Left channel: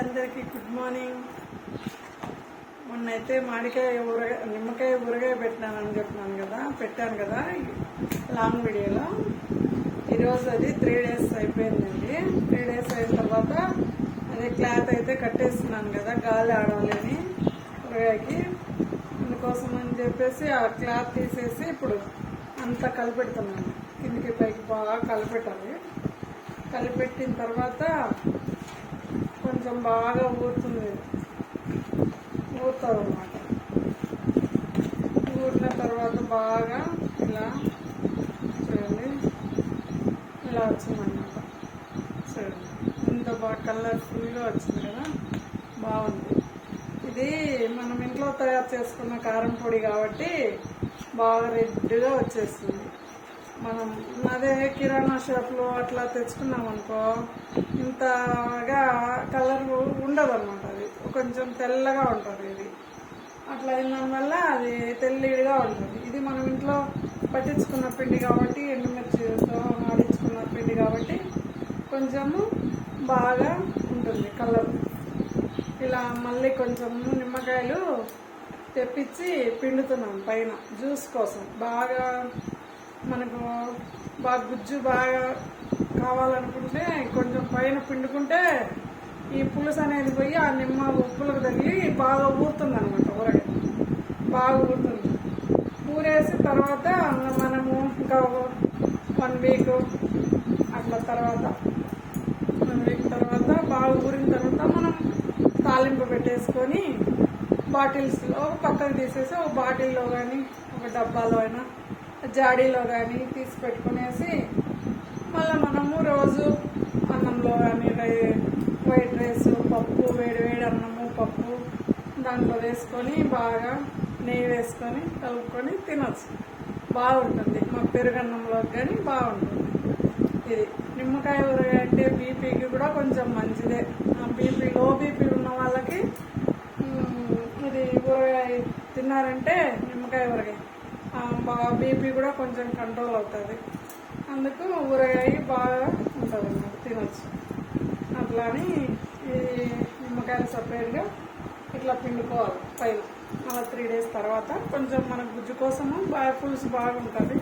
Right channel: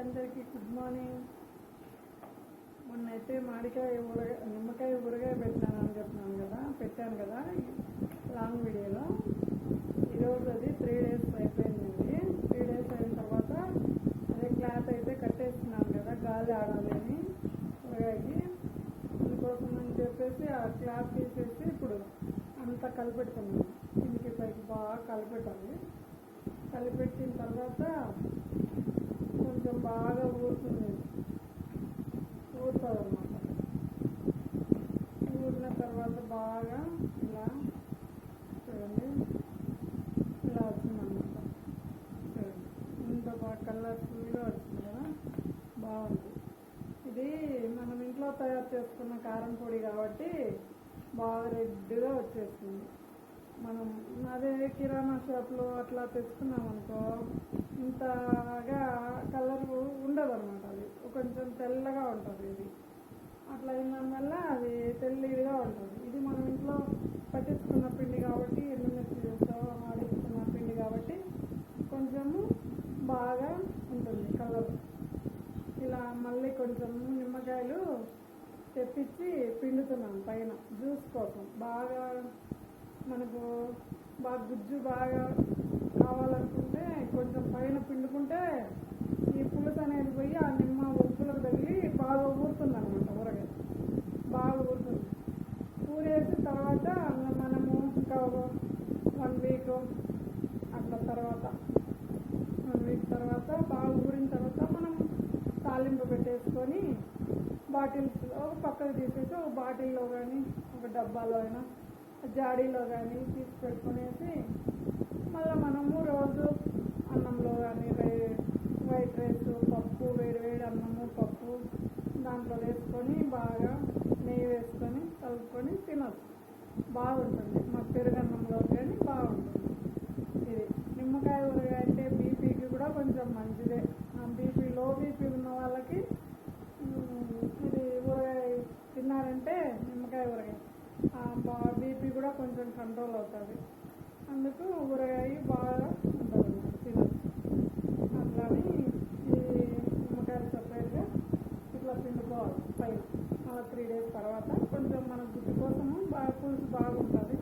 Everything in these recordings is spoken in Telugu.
అందరికీ గుడ్ మార్నింగ్. మొన్నైతే మామిడికాయ నిమ్మకాయ ఊరగాయ పెట్టాను కదా లాంగ్ వీడియోలో. ఈరోజు అది 3 days అయిపోయిందండి. 3 days అయిన తర్వాత అదే క్లాత్ అయితే కట్టేస్తున్నాను కదా, గాలి ఆడాలని ఊరగాయకి. అందుకోసం అని చెప్పేసి ఆ క్లాత్ తీసేసి ఇప్పుడు అంతా కలిపెడుతున్నాను. కిందికి పైకి బాగా కలిపెట్టాలి. కలిపెట్టిన తర్వాత కొంచెం బాగా ఊరుతుంది అన్నమాట. ఊరిన తర్వాత బాగా ఇలా చూడండి, ఇలా వచ్చిందన్నమాట. చూడండి ఇంత బాగా కలర్ఫుల్గా వచ్చింది కదా, బాగుంది. ఇది మనం ఇంట్లో తయారు చేసుకున్న కారం పొడి కాబట్టి బాగా రెడ్గా వచ్చేస్తుంది. మనం అదే కిరాణా షాప్లో అట్లా తెచ్చుకున్నాం అనుకో, ఇంతగా కలర్ ఉండదు అనమాట. అది కొంచెం తెల్లగా ఉంటుంది. ఇది అట్లా అయిన వల్ల అది తెల్లిగా ఉంటుంది. ఇది మనం ఇంట్లో పట్టించుకున్న పిండి కాబట్టి, ఎండుమిర్చితో ఆడించుకున్న పిండి కాబట్టి కొంచెము బాగా ఉంటుంది కలర్. ఇలా మళ్ళీ కొంచెం నిమ్మకాయలు తెప్పించి పిండుతున్నాం పైన జ్యూస్ కోసం. బాగా మనకు బాగా గుజ్జు బాగా కావాలనుకుంటే కొంచెం పైన పిండుకుంటే ఈ పులుసు అనేది పోయి ఆ నిమ్మ ఉప్పులకు తగిలి బాగా ఊరుతుంది అనమాట. ఊరగాయ బాగా ఊరుతుంది. ఊరేసి తర్వాత మనము ఇంకా 1 week అట్లా తర్వాత 1 week తర్వాత బాగా ఊరిన తర్వాత మనం తాలింపు పెట్టేసుకొని బాటిల్స్లో పక్కకు తీసేసి ఒక బాటిల్లో కానీ ఒక డబ్బాలో అయినా జాడీలో కానీ తీసి పెట్టుకునేసి మళ్ళీ మనము రోజు అన్నంలో కానీ వైట్ రైస్, పప్పు, వేడి అన్నము పప్పు దాంట్లో వేసుకొని బాగా నెయ్యి వేసుకొని కలుపుకొని తినచ్చు. బాగుంటుంది. మా పెరుగన్నంలో కానీ బాగుంటుంది. ఇది నిమ్మకాయ ఊరగాయ అంటే బీపీకి కూడా కొంచెం మంచిదే. లో బీపీ ఉన్న వాళ్ళకి ఇది ఊరగాయ తిన్నారంటే నిమ్మకాయ ఊరగాయ బాగా బీపీ కూడా కొంచెం కంట్రోల్ అవుతుంది. అందుకు ఊరగాయ బాగా ఉంటుంది అన్నమాట, తినచ్చు. అట్లా అని ఈ నిమ్మకాయలు సపరేట్గా ఇట్లా పిండుకోవాలి పైన. అలా 3 days తర్వాత కొంచెం మన గుజ్జు కోసము బాగా పులుసు బాగుంటుంది.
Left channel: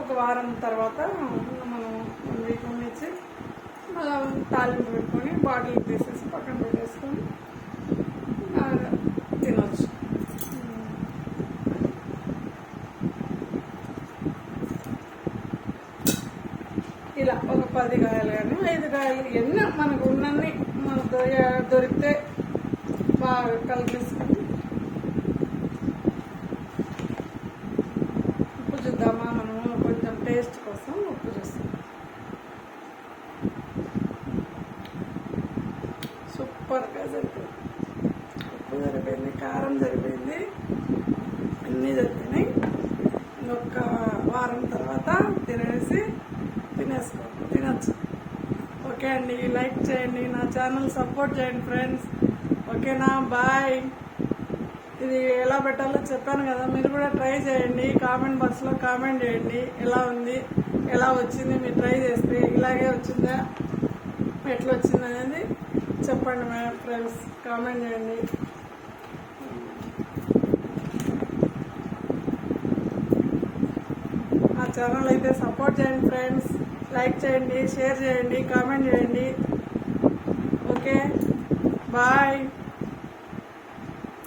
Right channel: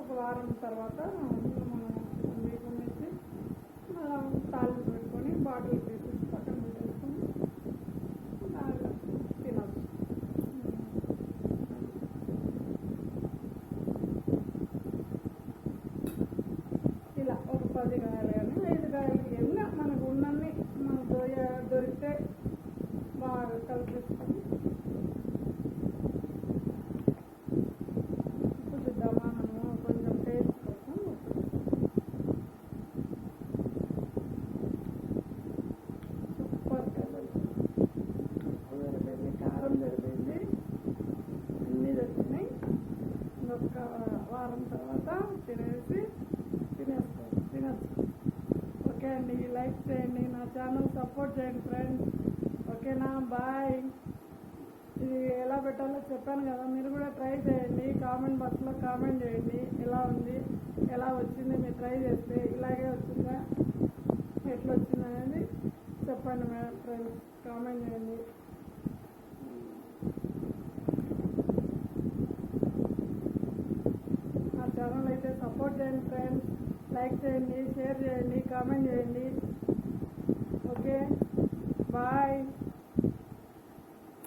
ఒక వారం తర్వాత మనం 1 week ఉండిచ్చి మళ్ళీ తాలింపు పెట్టుకొని బాటిల్ తీసేసి పక్కన పెట్టేసుకొని తినచ్చు. ఇలా ఒక 10 కాయలు కానీ 5 కాయలు ఎన్ని మనకు ఉన్నన్ని మనకు దొరికితే బాగా కలిపేసుకొని ఉప్పు చూద్దామా, మనము కొంచెం టేస్ట్ కోసం ఉప్పు చూస్తాం. సూపర్గా సరిపోయింది. ఉప్పు సరిపోయింది, కారం సరిపోయింది, అన్నీ సరిపోయినాయి. ఇంకొక వారం తర్వాత తినచ్చు. ఓకే అండి, లైక్ చేయండి, నా ఛానల్ సపోర్ట్ చేయండి ఫ్రెండ్స్. ఓకేనా, బాయ్. ఇది ఎలా పెట్టాలో చెప్పాను కదా, మీరు కూడా ట్రై చేయండి. కామెంట్ బాక్స్లో కామెంట్ చేయండి ఎలా ఉంది, ఎలా వచ్చింది. మీరు ట్రై చేస్తే ఇలాగే వచ్చిందా, ఎట్లా వచ్చింది అనేది చెప్పండి ఫ్రెండ్స్. కామెంట్ చేయండి. ఆ ఛానల్ అయితే సపోర్ట్ చేయండి ఫ్రెండ్స్. లైక్ చేయండి, షేర్ చేయండి, కామెంట్ చేయండి. Okay, bye.